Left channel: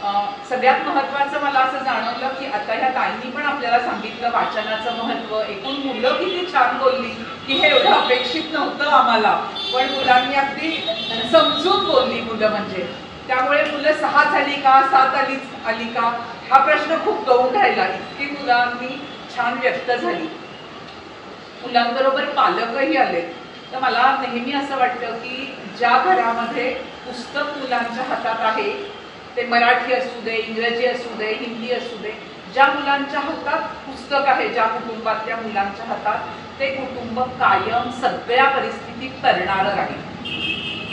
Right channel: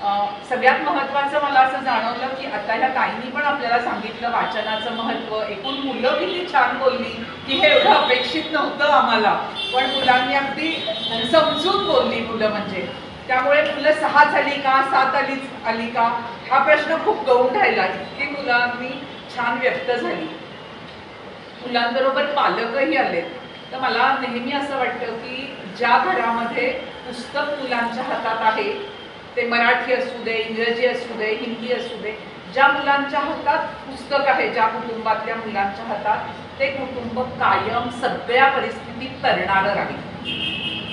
सगळ्यात महत्त्वाचं मला असं जाणवलं की आता ह्या ताईंनी पण आपल्याला सांगितलं वाचनाचं महत्त्व, एकूण मुलं किती छान बोलली की हे एवढं अपेक्षित नव्हतं आम्हाला, पण मुलांनी अगदी समजून बोलली मुलं. म्हणजे त्यामुळे मुलं 6 झाली का 7 आली का हा प्रश्न खूप गौण राहिला. इतकी मुलांनी छान व्यक्त झाली. मुलांबरोबर पालकही आले. तर मला नेहमी असं वाटतं की ज्या घरामध्ये पुस्तक मुलांच्या हातात आहे, ते मराठी असू दे, इंग्रजी असू दे, हिंदी असू दे, ज्या मुलांच्या हातात पुस्तक आहे, ज्या कुटुंबातल्या मुलांच्या हातात, ते कुटुंब कायम सगळ्या परिस्थितीत तरणारं राहील.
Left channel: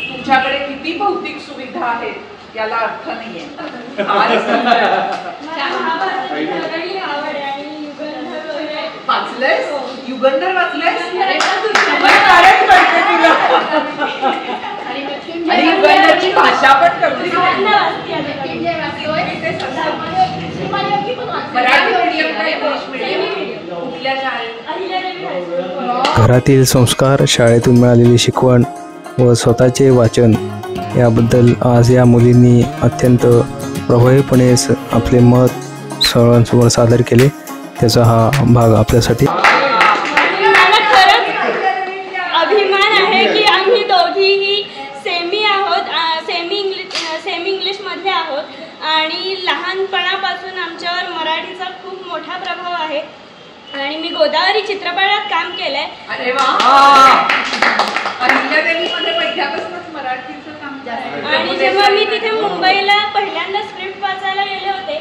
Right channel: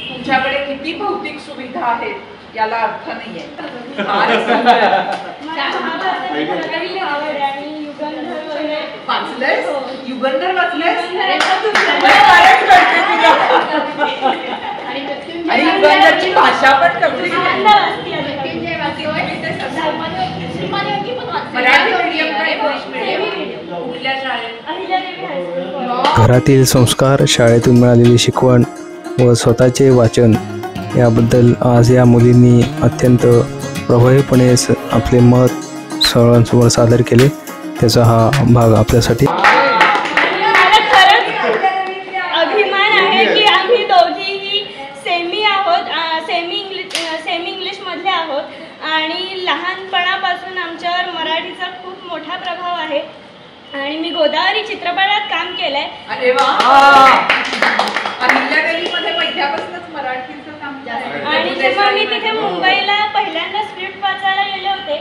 तुमच्याकडे किती भौतिक सुविधा आहेत याला अर्थ नाहीये. वाचलंय? युगंधर वाचलंय? आणि युगंधरची भाषा पण कळली. घरातील संस्कार, शाळेतून मिळालेली शिकवण व स्वतःचे वाचन याबद्दल आज या मुलींनी अत्यंत प्रभावीपणे आपले मत सर्वांसमोर सादर केले. त्याचा हा भाग आपल्यासाठी. मला खरंच अभिमान आहे की आम्ही दोघीही सेमी आहोत, सेमी इंग्लिशमधले आहोत आणि लहानपणापासून आमच्यावर मराठीचा खूप मोठा प्रभाव आहे. आणि मी गोदावरी चित्रपटात काम केलंय. अरे वा. आणि जेव्हा मी तिथे मुंबईला पहिल्यांदा स्क्रिप्ट वाचायला गेले होते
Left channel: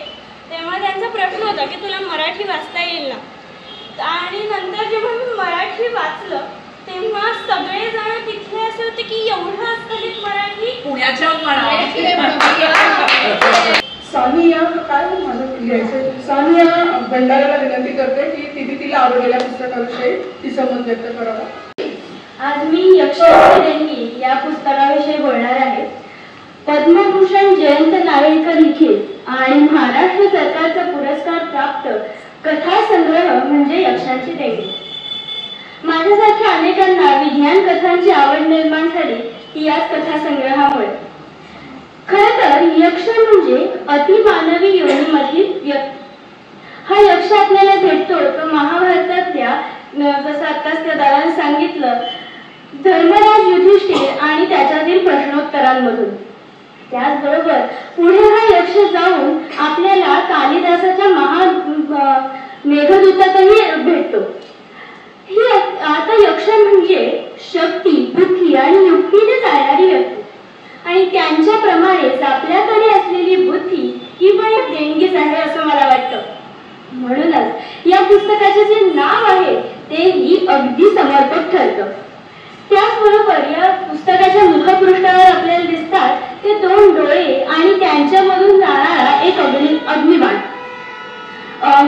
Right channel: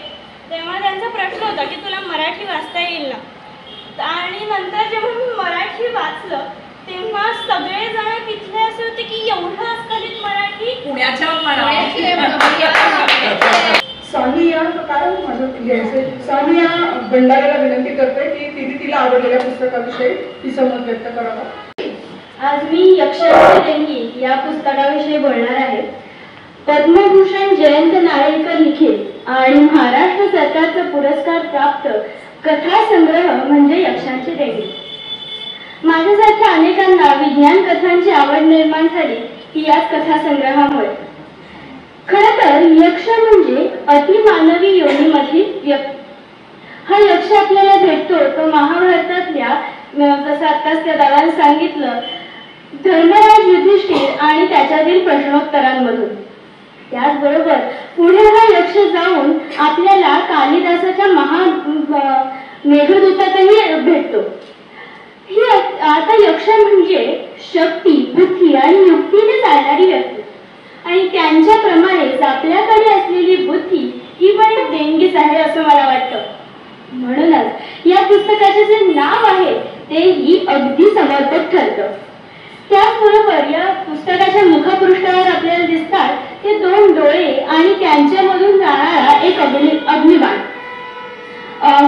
तेव्हा त्यांचा प्रश्न होता की तुला मराठी वाचता येईल ना. आणि नंतर जेव्हा मी मराठी वाचलं तेव्हा सगळेजण तिथले असे होते की एवढं अस्खलित मराठी पुण्याच्या सानिया काय माझं घ्यायचं. सानिया भंडाराला विनंती करते की तिला आवडलेल्या पुस्तकाविषयी तिचं मत व्यक्त करावं. आज मी यक्षगान देणगी या पुस्तकाविषयी बोलणार आहे. पद्मभूषण जयंत नारळीकर लिखित आणि महाराष्ट्र सरकारचा पुरस्कार प्राप्त कथा संग्रह म्हणजे यक्षांची देणगी. माझ्यासारख्या अनेकांना विज्ञान कथांची आवड निर्माण झाली ती याच कथा संग्रहामुळे. खरं तर यक्ष म्हणजे अतिमानवी योनीमधील व्यक्ती. हा यक्ष आपल्याला भेटतो तो महाभारतातल्या, जसं आत्ताच त्या दादाने सांगितलं, धर्मराज युधिष्ठिर आणि त्याच्यातील प्रश्नोत्तरांमधून. त्याचबरोबर पुढे हा यक्ष जाऊन आपल्याला कालिदासाच्या मेघदूतातही भेटतो. ही आता यक्ष म्हणजे शक्ती, बुद्धी आणि युक्तीने चालणारी व्यक्ती. आणि त्यांच्याप्रमाणेच आपल्याकडे असलेली बुद्धी ही पण एक देणगीच आहे असं मला वाटतं. म्हणूनच या पुस्तकाचे जे नाव आहे तेही अगदी समर्पक ठरतं. त्याचबरोबर या पुस्तकाच्या मुखपृष्ठावर आपल्याला दिसतात ते 2 डोळे आणि त्यांच्यामधून जाणारा एक अग्निबाण.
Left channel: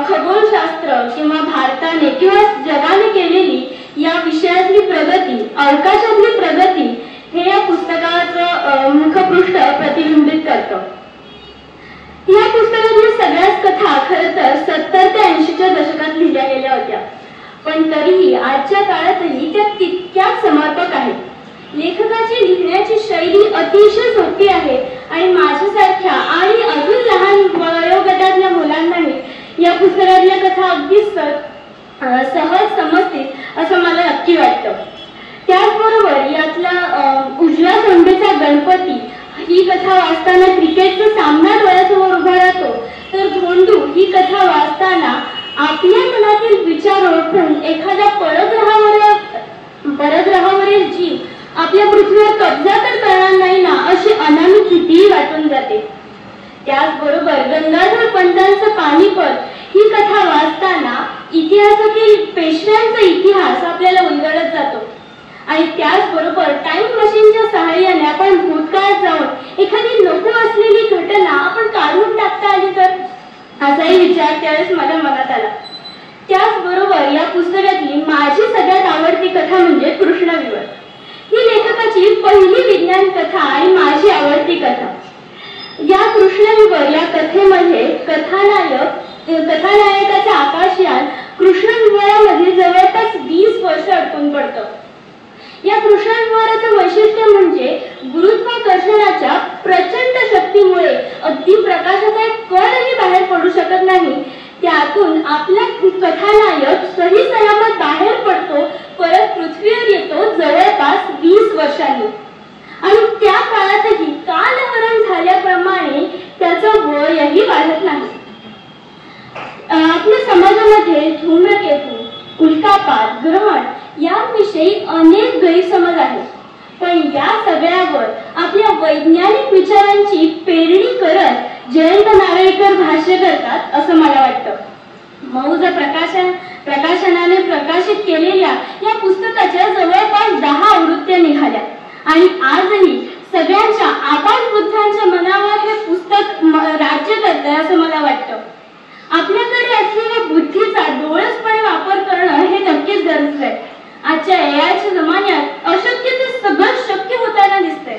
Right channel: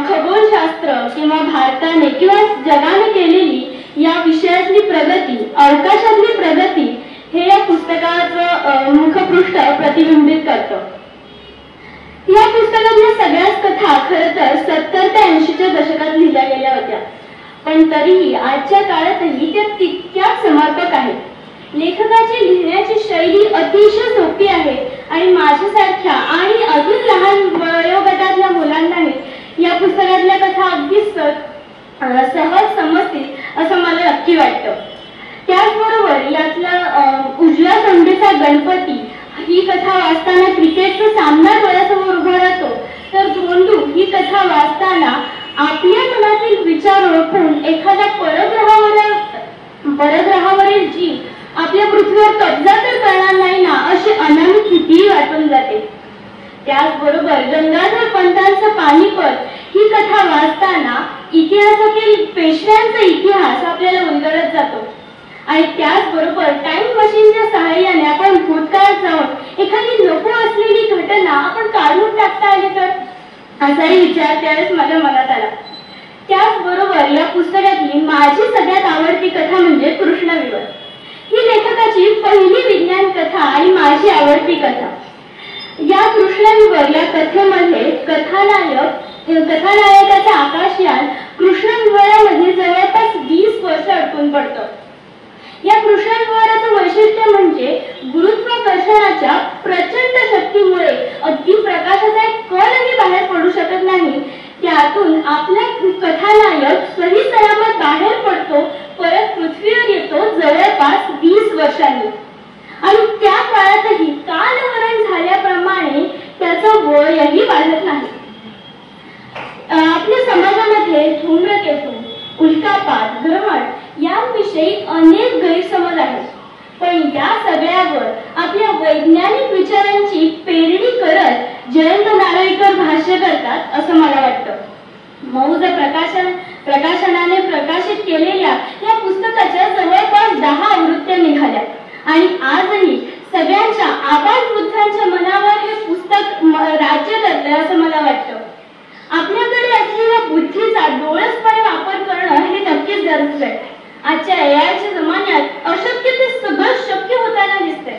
खगोलशास्त्र किंवा भारताने किंवा जगाने केलेली या विषयातली प्रगती, अवकाशातली प्रगती हे या पुस्तकाचं मुखपृष्ठ प्रतिबिंबित करतं. या पुस्तकातल्या सगळ्याच कथा खरं तर 70 ते 80च्या दशकात लिहिल्या गेल्या होत्या, पण तरीही आजच्या काळातही त्या तितक्याच समर्पक आहेत. लेखकाची लिहिण्याची शैली अतिशय सोपी आहे आणि माझ्यासारख्या आणि अजून लहान वयोगटातल्या मुलांनाही या पुस्तकातल्या कथा अगदी सहज समजतील असं मला नक्की वाटतं. त्याचबरोबर यातला उजव्या सोंडेचा गणपती ही कथा वाचताना क्रिकेटचा सामना डोळ्यासमोर उभा राहतो, तर धोंडू ही कथा वाचताना आपल्या मनातील विचार ओळखून एखाद्या परग्रहावरील जीव आपल्या पृथ्वीवर कब्जा तर करणार नाही ना अशी अनामी भीती वाटून जाते. त्याचबरोबर गंगाधर पंतांचं पानिपत ही कथा वाचताना इतिहासातील पेशव्यांचा इतिहास आपल्याला उलगडत जातो. आणि त्याचबरोबर टाइम मशीनच्या सहाय्याने आपण भूतकाळात जाऊन एखादी नको असलेली घटना आपण काढून टाकता आली तर, असाही विचार त्यावेळेस माझ्या मनात आला. त्याचबरोबर या पुस्तकातली माझी सगळ्यात आवडती कथा म्हणजे कृष्णविवर. ही लेखकाची पहिली विज्ञान कथा आणि माझी आवडती कथा. या कृष्णविवर या कथेमध्ये कथानायकाचे आकाशयान कृष्णविवरामध्ये जवळपास 20 वर्ष अडकून पडतं. या कृष्णद्वाराचं वैशिष्ट्य म्हणजे गुरुत्वाकर्षणाच्या प्रचंड शक्तीमुळे अगदी प्रकाशाचा एक कणही बाहेर पडू शकत नाही. त्यातून आपला कथानायक सही सलामत बाहेर पडतो, परत पृथ्वीवर येतो जवळपास 20 वर्षांनी. आणि त्या काळातही कालहरण झाल्याप्रमाणे त्याचं वयही वाढत नाही. आपल्या समाजामध्ये धूम्रकेतू, उल्कापात, ग्रहण याविषयी अनेक गैरसमज आहेत. पण या सगळ्यावर आपल्या वैज्ञानिक विचारांची पेरणी करत जयंत नारळीकर भाष्य करतात असं मला वाटतं. मौज प्रकाशनाने प्रकाशित केलेल्या या पुस्तकाच्या जवळपास 10 आवृत्त्या निघाल्या आणि आजही सगळ्यांच्या आबालवृद्धांच्या मनावर हे पुस्तक राज्य करते असं मला वाटतं. आपल्याकडे असलेल्या बुद्धीचा डोळसपणे वापर करणं हे नक्कीच गरजेचं आहे. आजच्या एआयच्या जमान्यात अशक्य ते सगळं शक्य होताना दिसतंय.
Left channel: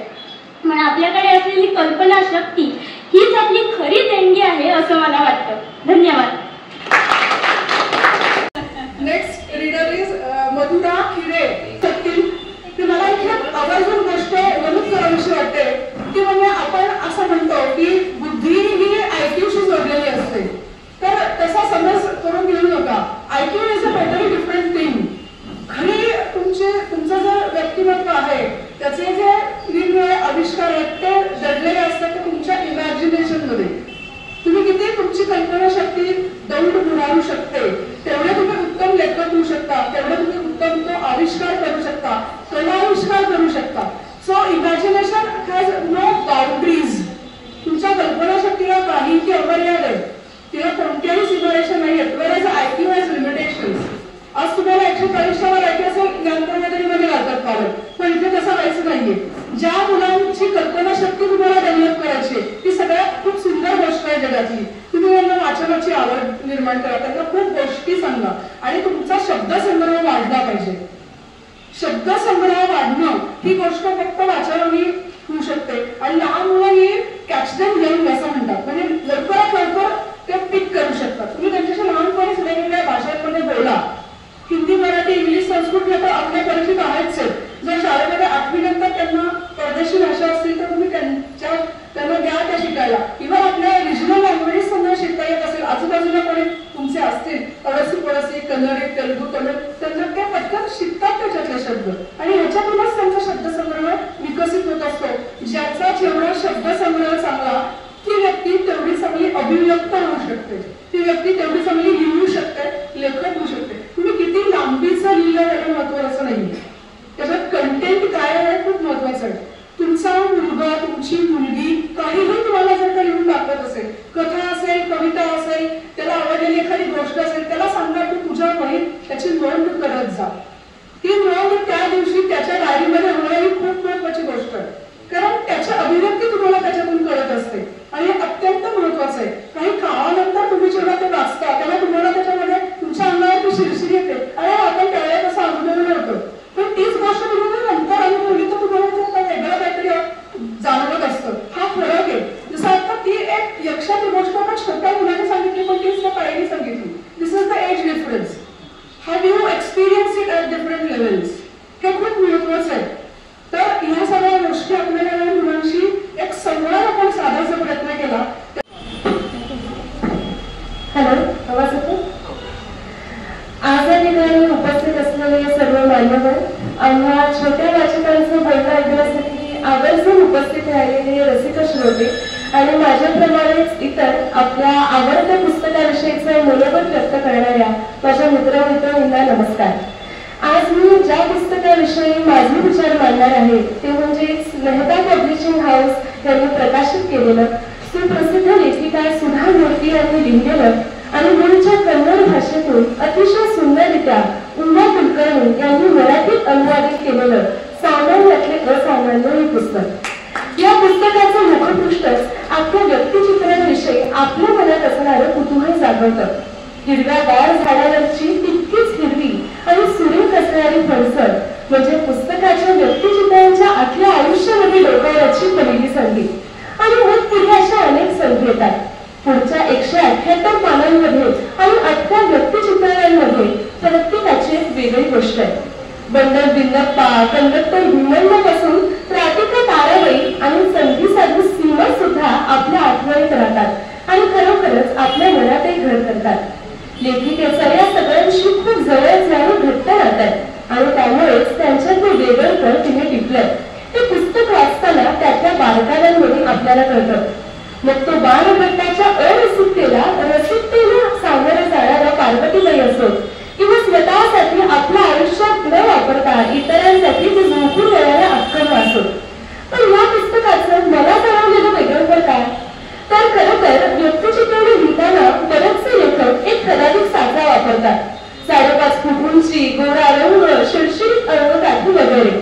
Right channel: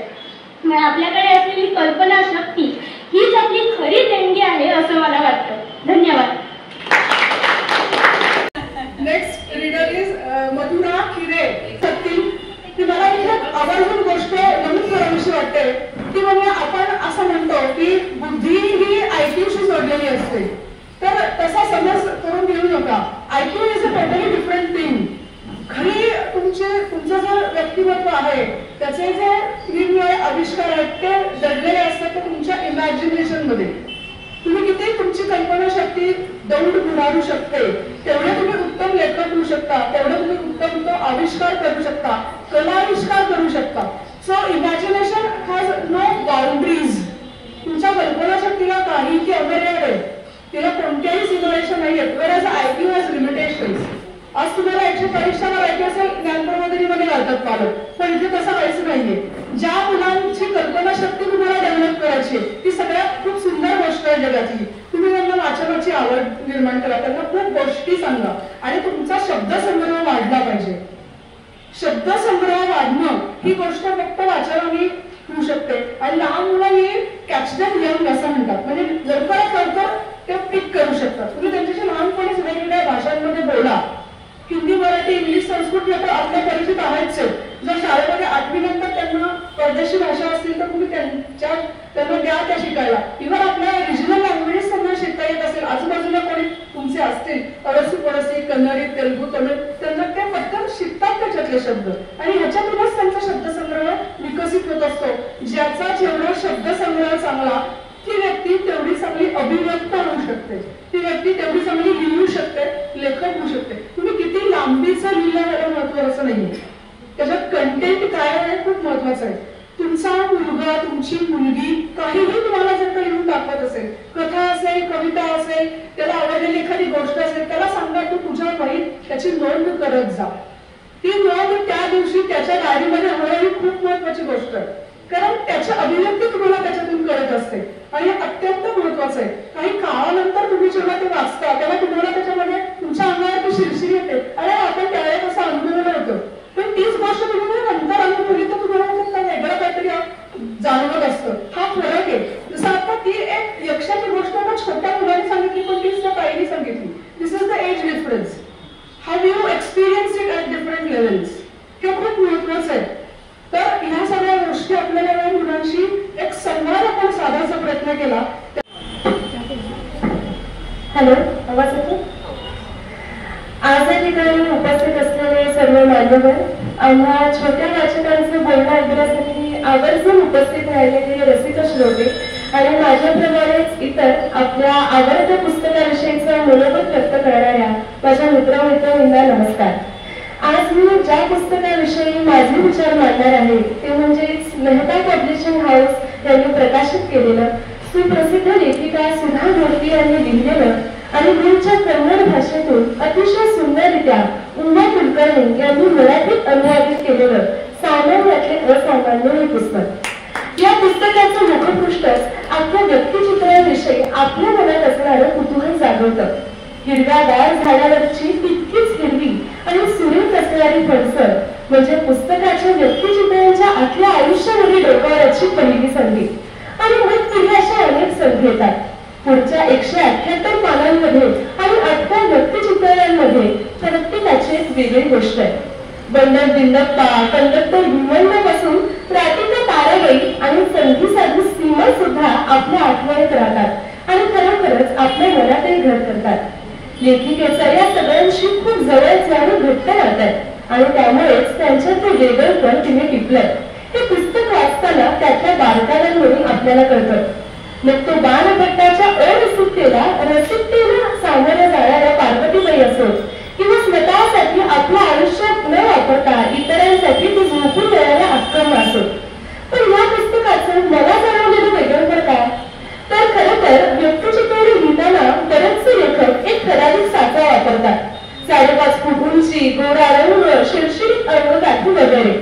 पण आपल्याकडे असलेली कल्पना शक्ती हीच आपली खरी देणगी आहे असं मला वाटतं. धन्यवाद. Next reader is Madhura Khire. ती मला एक आवर्जून गोष्ट नमूद करावीशी वाटते ती म्हणजे आपण असं म्हणतो की बुद्धी ही IQ-शी जोडलेली असते. तर तसा समज करून घेऊ नका. IQ is a totally different thing. खरी तुमचं जे व्यक्तिमत्व आहे त्याचे जे वेगवेगळे आविष्कार आहेत ते दडलेले असतात ते तुमच्या इमॅजिनेशन मध्ये. तुम्ही किती तुमची कल्पनाशक्ती दौड भरावू शकते तेवढे तुम्ही उत्तम लेखक होऊ शकता, तेवढे तुम्ही उत्तम तो आविष्कार करू शकता, कलाविष्कार करू शकता. So imagination has no boundaries. तुमच्या कल्पनाशक्तीला काहीही अमर्याद आहे, तिला कोणत्याही सीमारेषा नाही आहेत. Where IQ has limitations. आज तुम्हाला 140 माहिती असेल ज्ञान प्रणालीमध्ये लावतात पालक, पण इथे तसं काहीच नाहीये. ज्या मुलांची कल्पनाशक्ती तुम्हाला डेव्हलप करायची ती सगळ्यात खूप सुंदर गोष्ट आहे जगातली. तुम्ही त्यांना वाचनाची आवड निर्माण करा, त्यांना खूप गोष्टी सांगा आणि तुमचा शब्दसंग्रह वाढला पाहिजे. शब्दसंग्रह वाढणं ही गोष्ट फक्त वाचनाने होऊ शकते. आणि लहान मुलं ही कॅच देम यंग असं म्हणतात, म्हणजे लवकरात लवकर ते पिक करू शकतात. तुम्ही त्यांच्याशी लहानपणीच वेगवेगळ्या भाषांमध्ये बोला. हिंदी, मराठी, इंग्लिश, संस्कृत तर आपल्या परिचित आहेच. जर शाळेमध्ये 8वी नंतर त्यांना परदेशी भाषा असतील तर तुम्ही त्यांना द्या त्या शिकायला. इव्हन आपल्या रिजनल लँग्वेजेस त्यांना शिकता येत असेल, आजूबाजूला कोणी तुमचे असतील अडसी पडसी, कन्नडी, तेलुगू, तमिळ, त्यांना ते पटकन शिकतात त्याच्यातले शब्द आणि ह्याच्यातूनच त्यांचा शब्दसंग्रह विकसित होत असतो. ज्याचा जेवढा शब्दसंग्रह चांगला ती व्यक्ती तेवढी चांगली अभिव्यक्त होऊ शकते, ती व्यक्ती तेवढी चांगली लिहू शकते, लेखक होऊ शकते. तुम्ही किती लांबीचं लिहिलं हे महत्वाचं नाही, त्याच्यात कंटेंट काय आहे खूप महत्वाचं आहे. तुमचा मुलगा, तुमची मुलगी काहीही तुम्हाला जर का लिहून दाखवत असेल, कथा असेल, कविता असेल, त्याला आवडलेली एखादी गोष्ट असेल, त्याला सांगा तू तुझ्या वहीत त्याची नोंद करत जा. ती नोंद त्या दिवशी त्याच्या डायरीमध्ये होणं ही खूप महत्वाची गोष्ट आहे, कारण त्याची अभिव्यक्ती तुम्हाला त्याच्यातून कळत असते आणि अत्यंत महत्वाचं आहे. काही काळानंतर तुम्ही जेव्हा ते वाचता तेव्हा तुम्हाला त्याच्यामध्ये तुमच्या अंगावर शिरशिरी येते, अरे आपण त्यावेळेस असं अनुभवलं होतं. पण तीच गोष्ट तुम्ही नंतर अनुभवली तर तुम्हाला वेगळं काहीतरी जाणवत असतं. हा फरक आहे. जसं आता ती एक यक्षाची गोष्ट आपण छोट्या मुलाने सांगितली पण तीच त्या ताईने सांगितली. This is the age difference. Have you experience it at different levels. हे खूप महत्वाचं आहे. तर ह्या सगळ्या गोष्टी आपल्याला मुलांशी एक संवाद आपण साधायचा प्रयत्न केला. हॅलो, आवाज येतो? आज या ठिकाणी उपस्थित असलेले सर्व मान्यवर आम्हा छोट्या वाचकांचं बोलणं ऐकण्यासाठी आवर्जून उपस्थित राहिलेले रसिक श्रोते आणि माझ्याप्रमाणेच इतर आपल्या आवडत्या पुस्तकाविषयीचं मनोगत व्यक्त करणाऱ्या माझ्या मित्रमैत्रिणींना नमस्कार. आज मी ज्या पुस्तकाविषयी माझे विचार मांडणार आहे ते म्हणजेच मेहता पब्लिशिंग हाऊस यांनी प्रकाशित केलेलं सुप्रसिद्ध लेखिका सुधा मूर्ती यांनी लिहिलेलं आणि मूळच्या कन्नड भाषेतून अतिशय सुंदररित्या उमा कुलकर्णी यांनी मराठीत अनुवादित केलेलं सामान्यातले असामान्य हे पुस्तक. या पुस्तकाचं मुखपृष्ठच आपल्या व्यक्तिचित्रांविषयी आपल्या मनात असणारं कुतूहल जागवतं. हिरव्यागार झाडावरची तितकीच हिरवी आणि सुरेख असणारी फळसर म्हणजे पुस्तकाच्या व्यक्तिचित्रांच्या आतल्या आयुष्यामध्ये डोकावण्याची पहिली संधी. आणि मग तिथे अशा अनेक संधी येतात. पुढच्या 178 पानांमध्ये आणि 8 व्यक्तिचित्रांमध्ये प्रत्येकाची एक वेगळी गोष्ट आहे. बंडल बिल्लप्पा, कंडक्टर भीमण्णापासून राधिका ताराबाई आणि संधी साधू सीमा सुद्धा आपल्या आठवणीत राहतात आणि खरोखरच आपल्या मनातही घर करतात। लेखिकेचा या सगळ्यांशी खूप जवळच आणि घट्ट राहतात आणि त्यामुळेच त्यांच्यातले वेगळेपण तिने टिपलंय। हे पुस्तक वाचताना त्यातल्या बारकाव्यांवरून आपल्याला कळतं। मग तो बाणभट्टाच्या अरसिकतेला रसिकतेला सामोरं जाणाऱ्या पार्वतीबाई असो किंवा स्वतःसाठी आपल्या आयुष्यात न वापरता इतरांसाठी ती झोपून देणाऱ्या अक्कम असो। पण या पुस्तकाचं मला जाणवलेलं वेगळं काय, तर खरं तर व्यक्तिचित्रणे लिहिताना बरेचसे लेखक एक ठराविक साचा वापरतात, 5.5 फूट उंची, गोरा रंग, शिरशिरीत अंगकाठी वगैरे।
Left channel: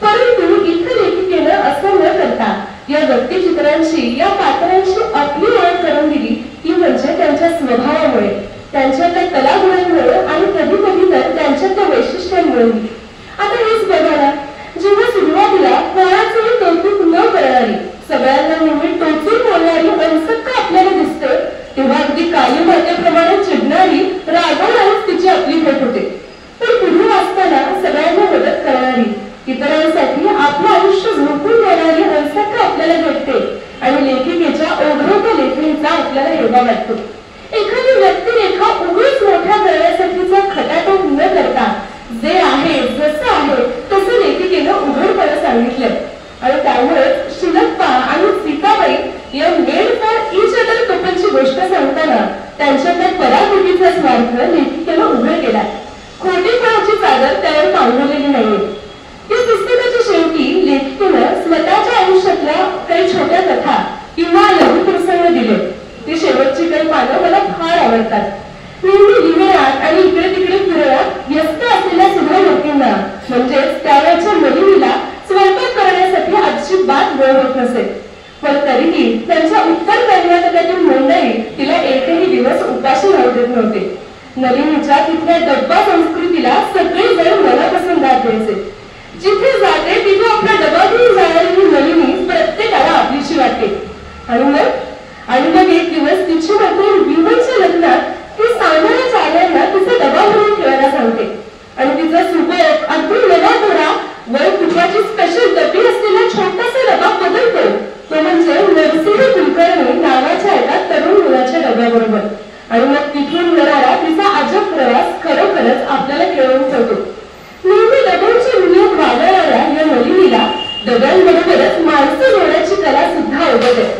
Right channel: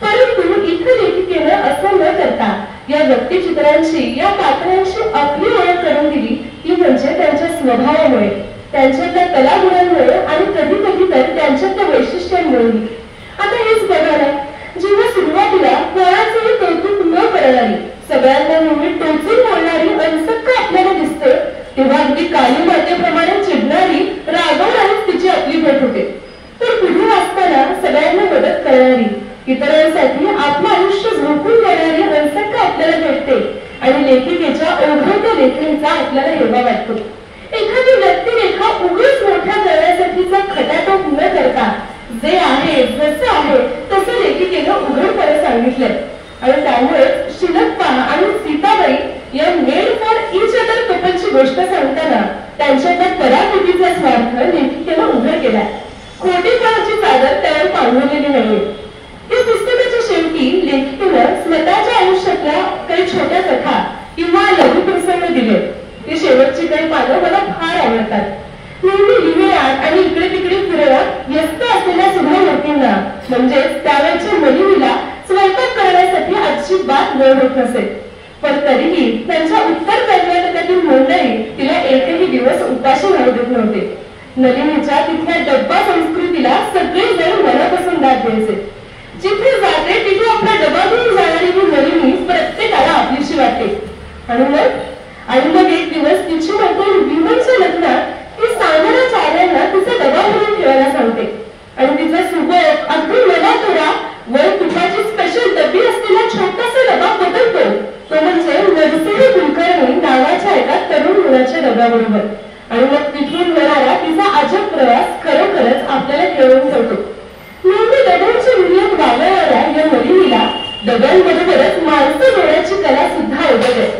परंतु इथं लेखिकेनं असं न करता या व्यक्तिचित्रांची, या पात्रांची आपली ओळख करून दिली ती म्हणजे त्यांच्या स्वभावामुळे, त्यांच्यातल्या कलागुणांमुळे आणि कधी कधी तर त्यांच्यातल्या वैशिष्ट्यांमुळे। आता हेच बघा ना, जेव्हा सुरुवातीला कोणाचंही कौतुक न करणारी, सगळ्यांना नेहमी टोचून बोलणारी अनसक्क आपल्याला दिसते, तेव्हा अगदी काली मातेप्रमाणे चिडणारी, रागवणारीच तिची आपली भेट होते। पण पुढे वाचताना सगळ्यांना मदत करणारी, इतरांसाठी आपलं आयुष्य झोकून देणारी अनसक्क आपल्याला भेटते आणि लेखिकेच्या ओघवत्या लेखणीचा आपल्याला हेवा वाटतो। एखादी व्यक्तिरेखा उगाच मोठ्या करण्यासाठीचा खटाटोप न करता जे आहे, जसं आहे तसं लेखिकेनं उघडपणे सांगितलंय आणि त्यामुळे शिलप्पा आणि सीताबाई या मेड फॉर ईच अदर कपलची गोष्ट सांगताना त्यांच्यातल्या पराकोटीचा स्वार्थ लेखिकेनं उघड केलाय। खोटेपणाची चादर त्यावर पांघरलेली नाहीये। या पुस्तकाच्या शेवटी लेखिकेनं स्वतःच्या आयुष्यातल्या काही छोट्या कथा किंवा लघुप्रसंग दिले। ती शेवटची काही पानं मला फार आवडतात। नेहमी लिहिण्यात आणि इकडे तिकडे फिरण्यात व्यस्त असलेल्या सुधामूर्तींना म्हणजेच त्यावेळच्या नलिनीला स्वयंपाक करण्यासाठी अजिबात वेळ होत नसे, पण तरीही त्यांच्या उत्तर कर्नाटकातील मंडळी तिला एकही दिवस उपाशी राहू देत नव्हते। नलिनीच्या तिथल्या डब्बा संस्कृतीला सगळेजण मनापासून दाद द्यायचे। जिथे जाते तिथे आपला डबा घेऊन जाणारी नलिनी प्रत्येकाला आपलीशी वाटते आणि मग एक दिवस तिची मैत्रीण भीमनच्या लग्नात ती सामान्य चालयांना तिचा डबा भरून ठेवायला सांगते आणि तिचा सुबोध अगदी नवा थोडा वर तुपाची स्पेशल डबी असलेला छोटासा डबा बदलतो, तो म्हणजे नरसिंह कुलकर्णी नावाच्या एका तरुण मुलाच्या डब्याबरोबर। आणि मग तिथून होणारा तिचा अजब प्रवास खरोखरच आपल्याला खेळवून ठेवतो। नेहमी डब्यांच्या दुनियेत वावरणाऱ्या या नलिनीला डब्यांबरोबरच माणसं जोडण्याची कला सुद्धा अवगत आहे।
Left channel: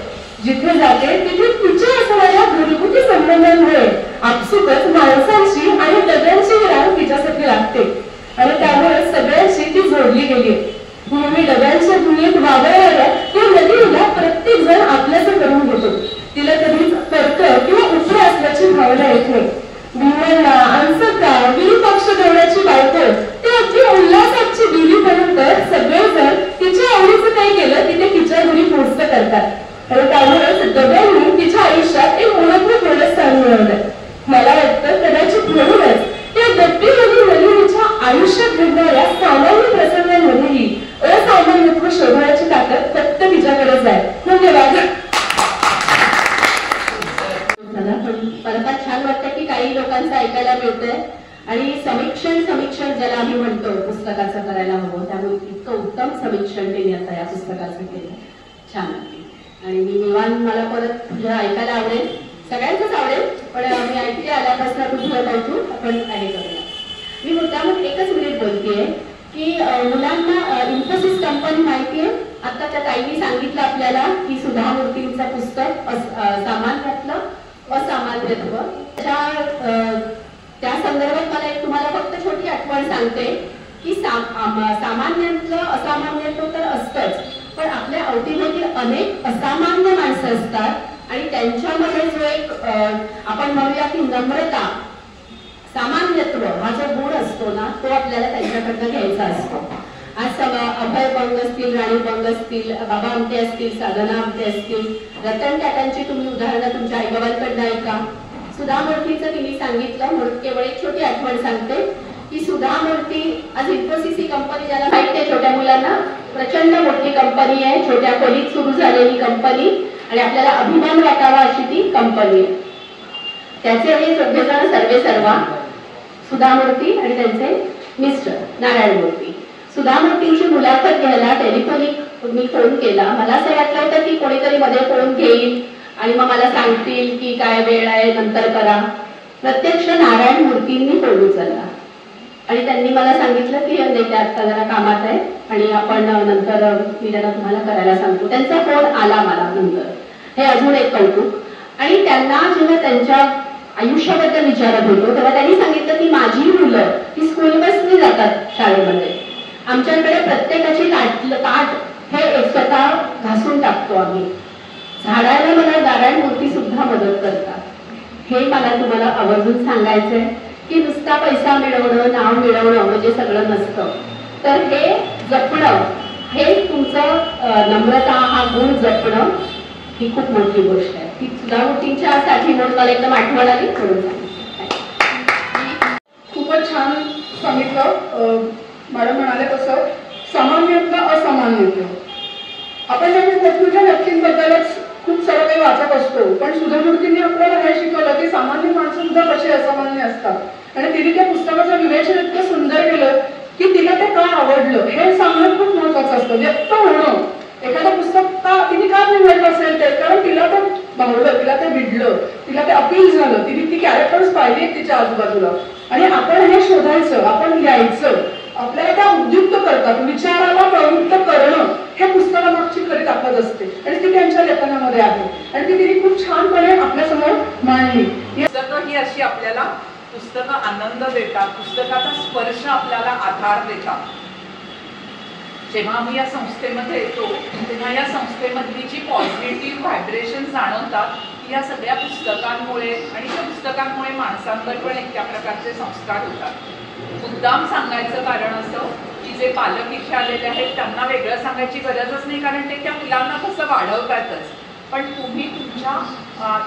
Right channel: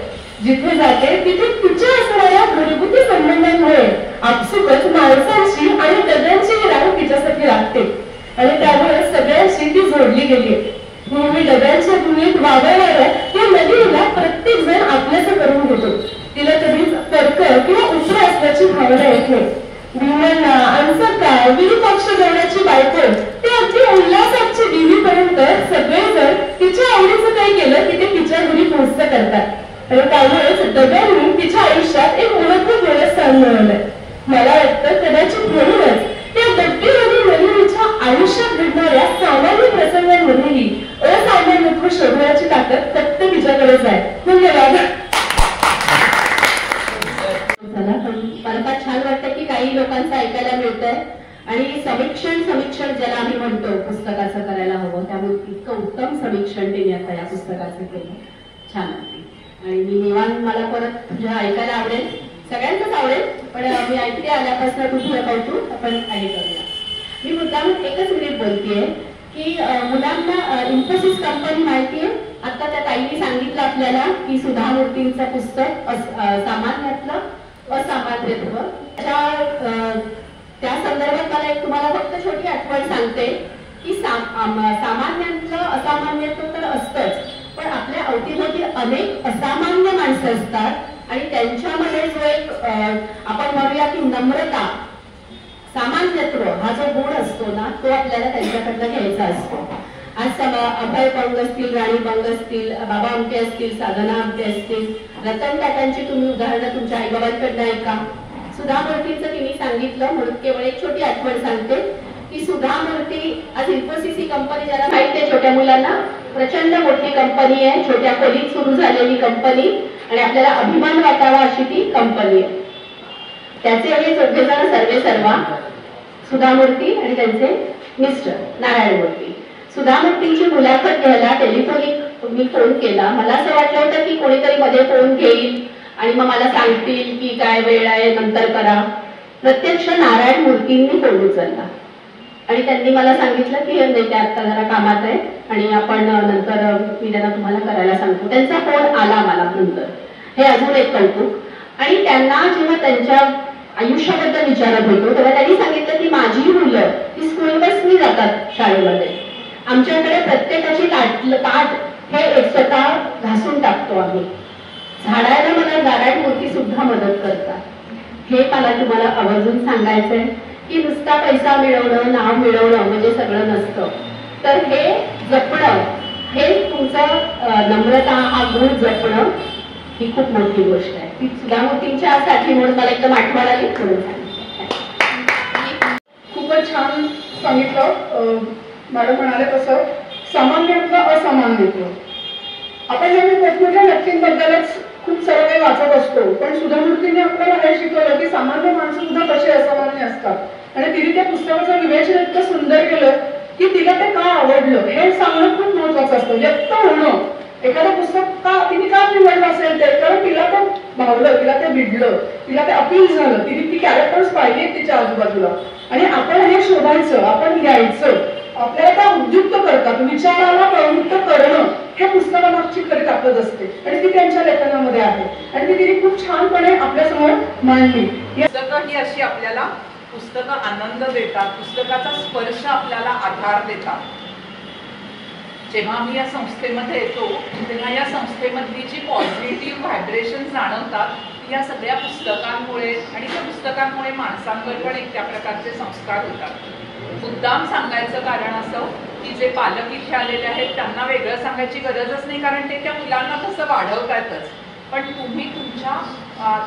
जिथे जाते तिथे तिच्या असणाऱ्या घरगुती संबंधांमुळे आपसुकच माणसांची आणि डब्यांची रांग तिच्यासाठी लागते आणि त्यामुळे सगळ्यांशी ती जोडली गेली। नेहमी डब्यांच्या दुनियेत वावरणाऱ्या या नलिनीला प्रत्येक जण आपल्याचं करून घेतो। तिला कधीच तर्क किंवा उतर असल्याची भावना येत नाही। भीमण्णा, अंसक्का, विरूपाक्ष देण्याची बायको ते अगदी उल्हासाची देवीपर्यंत सगळेजण तिच्या आवडीचं काही केलं की ते तिच्या घरी पोहोचत करतात आणि त्यामुळेच डब्यांनी तिच्या आयुष्यात एक महत्वपूर्ण स्थान मिळवलंय। मला वाटतं कदाचित म्हणूनच या डब्बीमध्ये नलिनीच्या आयुष्यात घडणाऱ्या सामान्य प्रसंगांमध्येही असामान्यत्व शोधण्याची ताकद फक्त तिच्याकडेच आहे। धन्यवाद। मला छान वाटतं की काही लोकांचं ऐकायला मिळतंय आणि समीक्षण ज्याला आम्ही म्हणतो पुस्तकाचं करायला हवं, त्यामुळे इतकं उत्तम समीक्षण त्यांनी आता या पुस्तकाचं केलं, छान वाटते। आणि मी निवांत मला परत ऐकायला आवडेल, सगळ्यांचंच आवडेल, पण मी ऐकते आल्यापासून कुठलं कौतुक आपण आहे करूया। मी मुद्दाम एकच मिनिट बोलतेय की मुलांना इन्फोसिस कंपनी माहितीये, आता त्या ताईंनी सांगितलं आपल्याला की सुधा मूर्तींचं पुस्तक सामान्यातलं असामान्यत्व, त्या संदर्भात मला एक तुम्हाला फक्त छोटी आठवण सांगते की सामान्यांचं असामान्यत्व तर असतंच, पण आपल्या अवतीभोवती अनेक असामान्य माणसं असतात आणि त्यांच्यामध्ये जो एक आपण म्हणूया की नम्रता, सामान्यत्व हा जो गुण असतो ना, तो आपल्याला त्यांच्याकडनं घ्यायचा असतो। आज अभय बंग असतील, राणी बंग असतील, बाबा आमटे असतील, साधना आमटे असतील, रतन टाटांची तुम्ही उदाहरणं तुमच्या आईबाबांकडनं ऐका। सुधा मूर्तीचं तिने सांगितलं म्हणून केवळ एक छोटी आठवण सांगते की सुधा मूर्ती आज इन्फोसिस ही कंपनी ज्याला माहिती आहे, छोट्या मुलांना प्रचंड मोठी कंपनी आहे, छोट्या खोलीत सुरू झालेली कंपनी आणि आपल्याला अभिमान वाटावा अशी ती कंपनी आहे। त्याचे हे सगळेजण सर्वे सर्वा सुधा मूर्ती आणि त्यांचे मिस्टर नारायण मूर्ती. सुधा मूर्तींची मुलाखत घ्यायला टेलिफोनिक मी फोन केला. मला असं वाटलं होतं की कोणीतरी मध्ये फोन घेईल आणि मग मला सांगतील की काय वेळ आहे नंतर करा. प्रत्यक्ष नारायण मूर्तींनी फोन उचलला आणि त्यांनी मला सांगितलं की नाही ते आता जरा कामात आहे आणि आपण नंतर मी त्यांना तुम्हाला करायला सांगतो. त्यांचा फोन आला मला नंतर. हे अजून एक कौतुक. आणि त्यांना जेव्हा त्यांच्या आयुष्याबद्दल विचारत होतो तेव्हा त्यांनी सांगितलं की माझी मुलं ती स्कूल बसनी जातात शाळेमध्ये. आमच्याकडे प्रत्येकाची ताट हे स्वतः घासून टाकतो आम्ही. झाडायला मला नारायण मूर्ती सुद्धा मदत करतात. हे मला तुम्हाला आवर्जून सांगायचंय की नुसता पैसा मिळवणं नाव मिळवणं म्हणजे सगळं नसतं. तर हे जपणं, हे तुमचं नम्रता हा गुण जपणं ही खूप मोठी गोष्ट आहे. ती सुधा मूर्तींच्यासाठी म्हणून मला एकदम आठवण आली म्हणून खूपच छान सांगितलं. मॅडम म्हणाले तसं सामान्यत्व असामान्यत्व. आपण नेहमी मोठमोठ्या व्यक्तींबद्दलच खूप सर्व काही वाचत असतो, पण सुधा मूर्तींनी आपल्याला हे शिकवलं की सामान्य माणसं सुद्धा कसे असामान्य असतात. आणि तिने त्या पुस्तकाचं विवेचन इतकं सुंदर केलं की तिला ते का आवडलं हे सांगणं खूप महत्वाचं असतं. व्यक्त होणं. एखादं पुस्तक तिने का निवडलं असेल ते कारण तिला ते भावलं, तिला ते भिडलं, तिला ते अपील झालं. तिने ती कॅरेक्टर्स पाहिली तिच्या आजूबाजूला आणि आपण हे शोधायचं, आपण घ्यायचं. आपल्याला त्या उद्युक्त करतात. विचाराला प्रवृत्त करणं हे पुस्तकामागची खरी ताकद असते आणि ती त्यांच्या लेखनामध्ये आहे आणि ती तिने खूप छानपणे आपल्यासमोर मांडली. पुस्तकं ही अशी आपल्याला पुस्तकं आनंद देतात, पुस्तकाचा स्पर्श आपल्याला आधार देतात. जेव्हा आम्ही या संस्थेमध्ये येतो तेव्हा या संस्थेमधली जी पॉझिटिव्ह व्हायब्रेशन जाणवतात ती या सगळ्या पुस्तकांमुळे आणि त्या पुस्तकांमुळे माणसांवर पण एक त्या प्रकारचे संस्कार होतात. मुद्दाम सांगायचं कारण असं की जे पालक इथे आलेले आहेत त्यांना वेगळं सांगायची गरजच नाही कारण ते त्या मुलांना तसं वाढवतातच. पण तुम्ही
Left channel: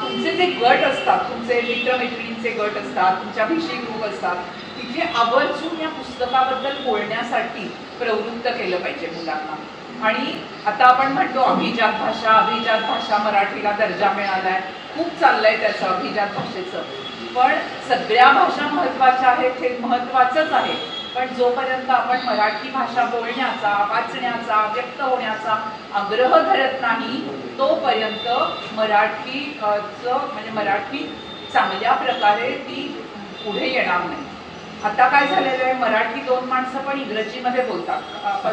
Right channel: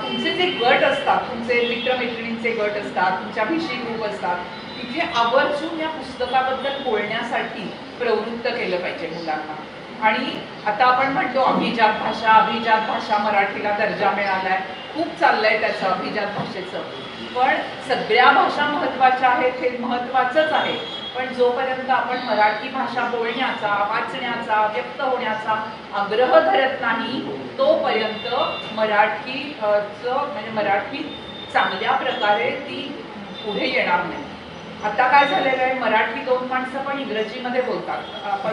तुमचे जे गट असतात, तुमचे मित्रमैत्रिणींचे गट असतात, तुमच्या भिशी ग्रुप असतात, तिथे आवर्जून या पुस्तकाबद्दल बोलण्यासाठी प्रवृत्त केलं पाहिजे मुलांना. आणि आता आपण म्हणतो अभिजात भाषा मराठीला दर्जा मिळालाय, खूप चाललंय त्याचं अभिजात भाषेचं. पण सगळ्या भाषा महत्त्वाच्या आहेत हे महत्त्वाचंच आहे. पण जोपर्यंत आपण मराठी भाषा बोलण्याचा, वाचण्याचा, व्यक्त होण्याचा आग्रह धरत नाही तोपर्यंत मराठी चांगल्या प्रकारे ती पुढे येणार नाही. आता काय झालेलं आहे, मराठी 2 माणसं पण इंग्रजीमध्ये बोलतात.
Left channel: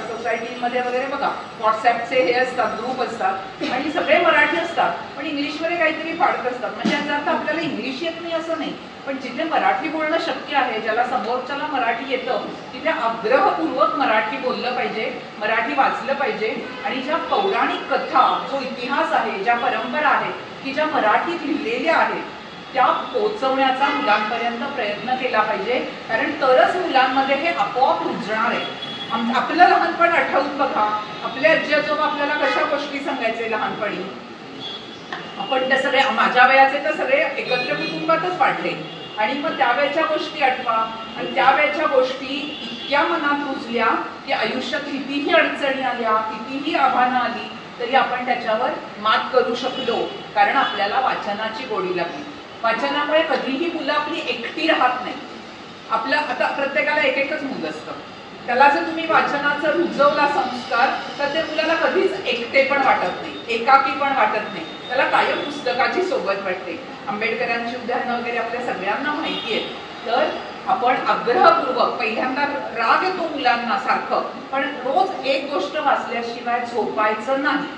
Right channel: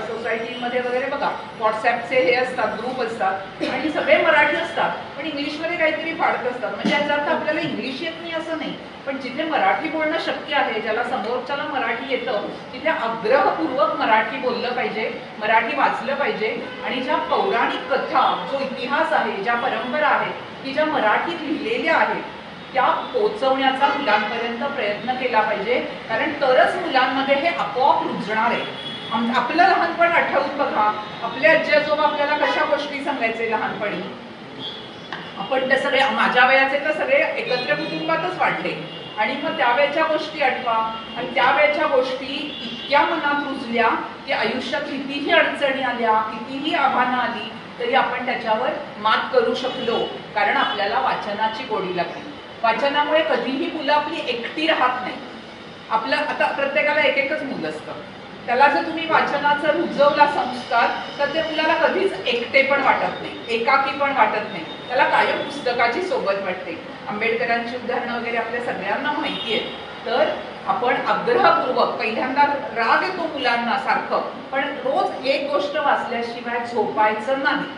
सोसायटीमध्ये वगैरे बघा व्हॉट्सॲपचे हे असतात, ग्रुप असतात आणि सगळे मराठी असतात पण इंग्लिशमध्ये काहीतरी फाडत असतात. म्हणजे याचा अर्थ आपल्याला इंग्लिश येत नाही असं नाही, पण जिथे मराठी बोलणं शक्य आहे, ज्याला समोरच्याला मराठी येतं तिथे आग्रहपूर्वक मराठी बोललं पाहिजे, मराठी वाचलं पाहिजे. आणि ज्या पौराणिक कथा, जो इतिहास आहे, ज्या परंपरा आहेत की ज्या मराठीत लिहिलेल्या आहेत त्या पोचवण्याचा मुलांपर्यंत प्रयत्न केला पाहिजे. कारण तरच मुलांमध्ये हे आपोआप रुजणार आहे. आपलं लहानपण आठवून बघा, आपले आजी आजोबा आपल्याला कशा गोष्टी सांगायचे लहानपणी. आपण त्या सगळे माझ्या वयाचे तर सगळे एकत्र कुटुंबातच वाढले आणि मग त्यावेळेच्या गोष्टी आठवा आणि त्यावेळेच्या गोष्टी इतक्या मनात रुजल्या की आयुष्यात कितीही अडचणी आल्या, कितीही आव्हानं आली तरी आपण त्याच्यावर मात करू शकलो कारण आपल्याला वाचनाची गोडी लागली. वाचनामुळे कधीही मुलं आपली एकटी राहत नाही. आपलं आता प्रत्येकाला एकच मुलं असतं, त्याला जर तुम्ही वाचनाचा रुजवला संस्कार तर ते मुलाला कधीच एकटे पण वाटत नाही, एकाकी पण वाटत नाही, त्याला कायम पुस्तकाची सोबत वाटते. आंबेडकरांची उदाहरणं वगैरे आपल्या सगळ्यांना माहिती आहे. तर आपण आग्रहपूर्वक, पहिल्यांदा राग येतो मुलांना सारखं, पण रोज एक गोष्ट वाचल्याशिवाय झोपायचं नाही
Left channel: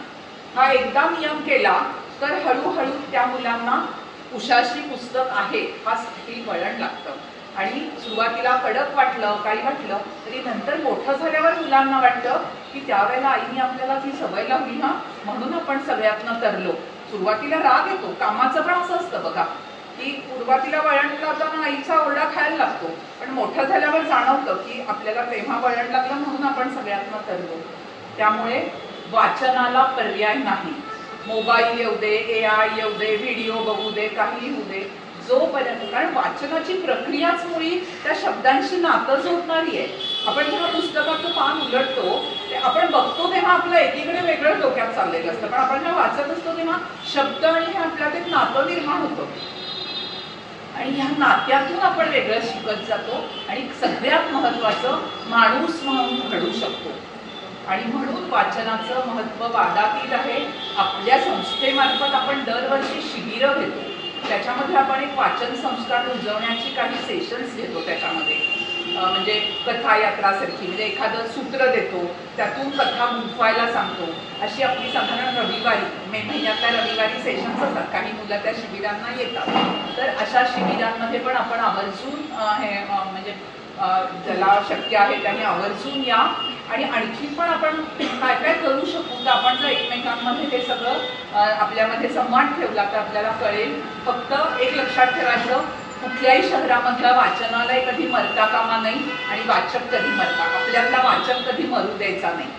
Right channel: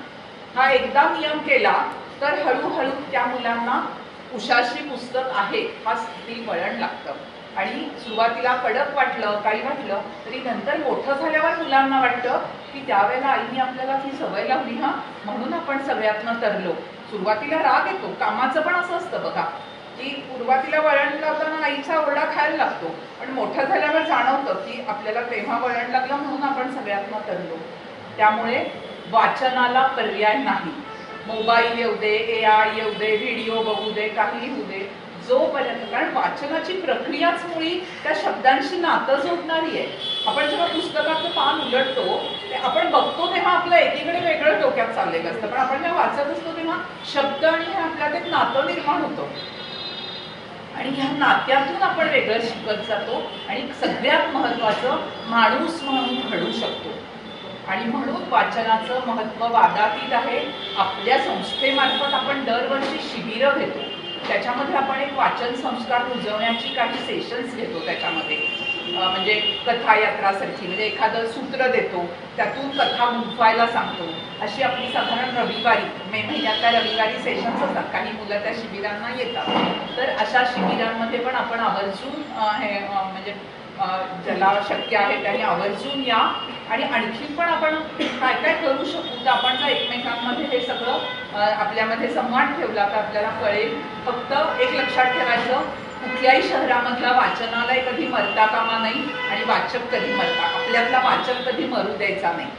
हा एकदा नियम केला तर हळूहळू त्या मुलांना उशाशी पुस्तक आहे हा स्थिती वळण लागतं. आणि सुरुवातीला कडक वाटलं, काही वाटलं तरी नंतर मोठं झाल्यावर मुलांना वाटतं की त्यावेळेला आईने आपल्याला ती सवय लावली म्हणून आपण सगळ्यातनं तरलो. सुरुवातीला राग येतो, कामाचं पण असं असतं बघा की सुरुवातीला वळण लावताना आईचा ओरडा खायला लागतो, पण मोठं झाल्यावर जाणवतं की आपल्याला तेव्हा वळण लागलं म्हणून आपण सगळ्यातनं तरलो. त्यामुळे वाचनाला पर्याय नाही. मोबाईल येऊ दे, AI येऊ दे, व्हिडिओ बघू दे, काही होऊ दे, जोपर्यंत, कारण वाचनाची प्रक्रियाच मुळी त्या शब्दांशी नातं जोडणारी आहे. आपण जेव्हा पुस्तकाचं पान उलटतो ते आपण बघतो तेव्हा आपलं एकीकडे वेगळं डोक्यात चाललेलं असतं, पण आपण जेव्हा वाचत असतो तेव्हा शब्द आणि हे आपल्यात एक नातं निर्माण होतं आणि ह्या नात्यातून आपण वेगळं शिकत जातो आणि सगळ्यात महत्त्वाचं माणूस म्हणून घडू शकतो. आणि म्हणून वाचनाचं महत्त्व वादातीत आहे. आपल्या संस्थेमार्फत आपण दरवर्षी शिबिरं घेतो, त्याच्यामध्ये आपण एक वाचन संस्कार रुजवण्याची काही सेशन्स घेतो. त्याच्यामध्ये म्हणजे कथा यात्रासारखी, म्हणजे एखादं सूत्र देतो, त्यातून कथा गुंफवायला सांगतो. अशी आपली साधारण रविवारी, मे महिन्यातल्या रविवारी सेशन्स असतात. काही मुलं त्या शिबिरांना येतात. तर अशा शिबिरांमध्ये पण आपण आवर्जून हे म्हणजे ज्याला शक्य आहे त्यांनी आवर्जून या. आणि आणखी पण आपण काय काय करू शकू, तर आपण जर एकमेकांमध्ये हे सगळं आपल्यामध्ये संवाद ठेवला तर आपल्याला कळेल. फक्त एक लक्षात ठेवायचं, कुठल्याही शहरामधलं वाचनालय कधी मरता कामा नाही आणि वाचक कधी मरता, आपल्यातला वाचक कधी मरू द्यायचा नाही.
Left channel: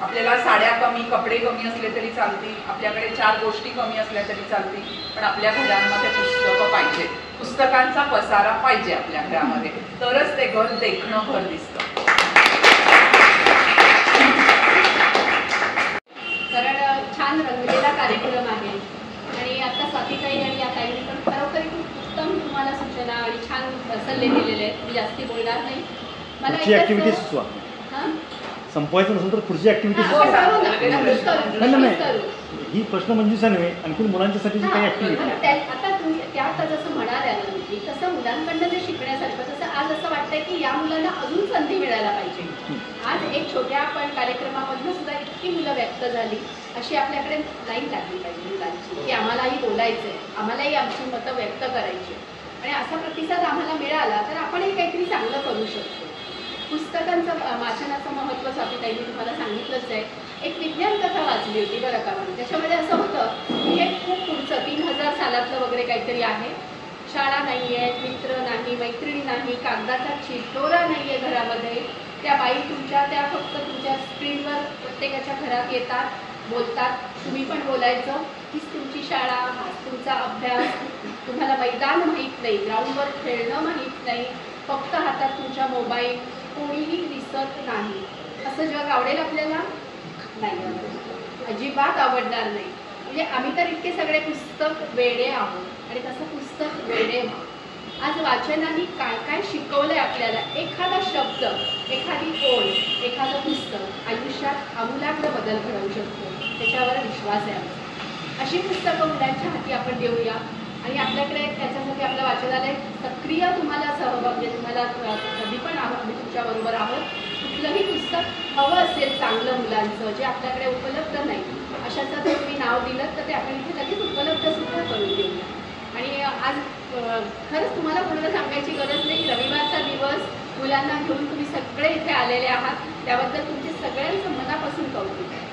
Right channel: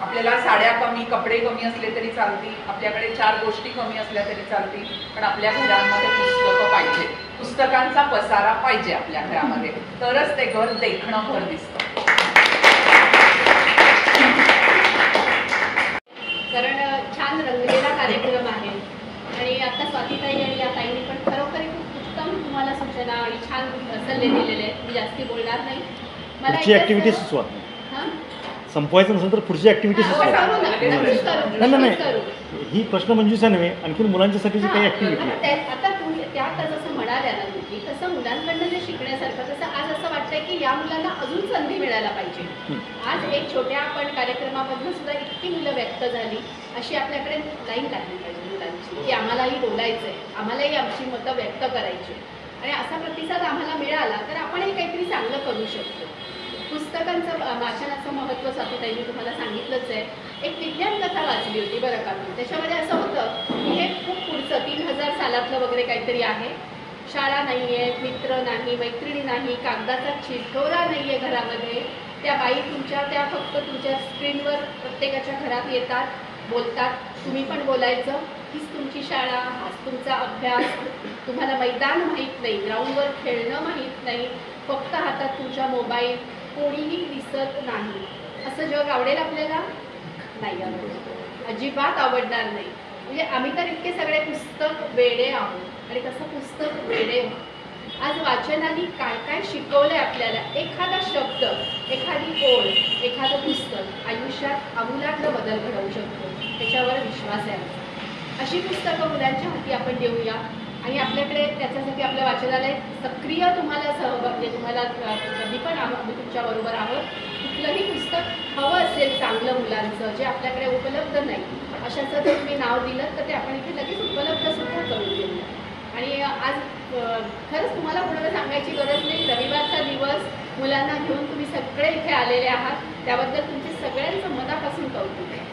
आपल्याला साड्या कमी, कपडे कमी असले तरी चालतील, आपल्याकडे 4 गोष्टी कमी असल्या तरी चालतील, पण आपल्या घरांमध्ये पुस्तकं पाहिजे, पुस्तकांचा पसारा पाहिजे आपल्या घरामध्ये, तरच ते घर देखणं घर दिसतं. कारण छान रंगलेला कार्यक्रम आहे आणि आता स्वातीताई आणि या ताईंनी पण खरोखरी खूप उत्तम तुम्हाला सूचना आणि छान सल्ले दिलेले आहेत. मी जास्ती बोलणार नाही. मला ऍक्टिव्हिटी सुचवा. संपवायचं नसेल तर पुढची ऍक्टिव्हिटी करू. ही प्रश्न मंजूचा नव्हे, आणखी मुलांच्यासाठी काही ऍक्टिव्हिटी. आता तुम्ही त्यात जसं म्हणाल्या ना तुम्ही, तसं मुलांकडनं जे शिकण्यासारखं, तसं आज असं वाटतंय की या मुलांना अजून संधी मिळायला पाहिजे. आज एक छोट्या आपण कार्यक्रमामधनं सुद्धा इतकी मुलं व्यक्त झाली, अशी आपल्याकडे लाईन लागली पाहिजे मुलांची, की आम्हालाही बोलायचंय, आम्हालाही आमची मतं व्यक्त करायची. आणि असा प्रतिसाद आम्हाला मिळाला तर आपणही काहीतरी चांगलं करू शकतो. पुस्तकांचं वाचनाचं महत्त्व स्वातीताईंनी तुम्हाला सांगितलंच आहे. एक विज्ञान कथा वाचली होती बरं का, त्याच्यामध्ये असं होतं की हे खूप पुढचं 3000 सालातलं वगैरे काहीतरी आहे. शाळा नाही आहेत, मित्र नाही, मैत्रिणी नाही, कागदाचा चिठोरा नाही आहे घरामध्ये. त्या बाई त्या फक्त तुमच्या स्क्रीनवर प्रत्येकाच्या घरात येतात, बोलतात, तुम्ही पण बोलायचं. हीच तुमची शाळा, हाच तुमचा अभ्यास. तुम्हाला मैदान माहीत नाही, ग्राउंडवर खेळणं माहीत नाही, फक्त हातात तुमच्या मोबाईल, कोणीही दिसत नाही. असं जग आवडेल आपल्याला? नाही आवडणार, अजिबात आवडणार नाही. म्हणजे आम्ही तर इतके सगळे पुस्तक वेडे आहोत आणि तसं पुस्तक वेडे. आज वाचनाने काय काय शिकवलंय आपल्याला. एखादा शब्द, एखादी ओळ, एखादं पुस्तक आयुष्यात आमूलाग्र बदल घडवू शकतो. त्याच्यावर विश्वास आहे आमचा. अशी पुस्तकं मुलांच्या हाती आपण देऊया आणि आपल्याकडे त्याच्यासाठी आपलं वाचनालय सक्रिय तुम्हाला म्हणजे तुम्हाला कधी पण आम्ही तुमच्याबरोबर आहोत. कुठलंही पुस्तक हवं असेल चांगलं मुलांचं, जे आपल्याकडे उपलब्ध नाही, अशाचं जर तुम्ही नाव दिलं तर ते आपण इथे लगेच उपलब्धसुद्धा करून देऊया. आणि आज खरंच तुम्हाला कोणाला सांगायची गरज नाही, रविवारचा दिवस मुलांना घेऊन तुम्ही सगळे इथे आलेले आहात, त्याबद्दल तुमचे सगळ्यांचं मनापासून कौतुक आहे.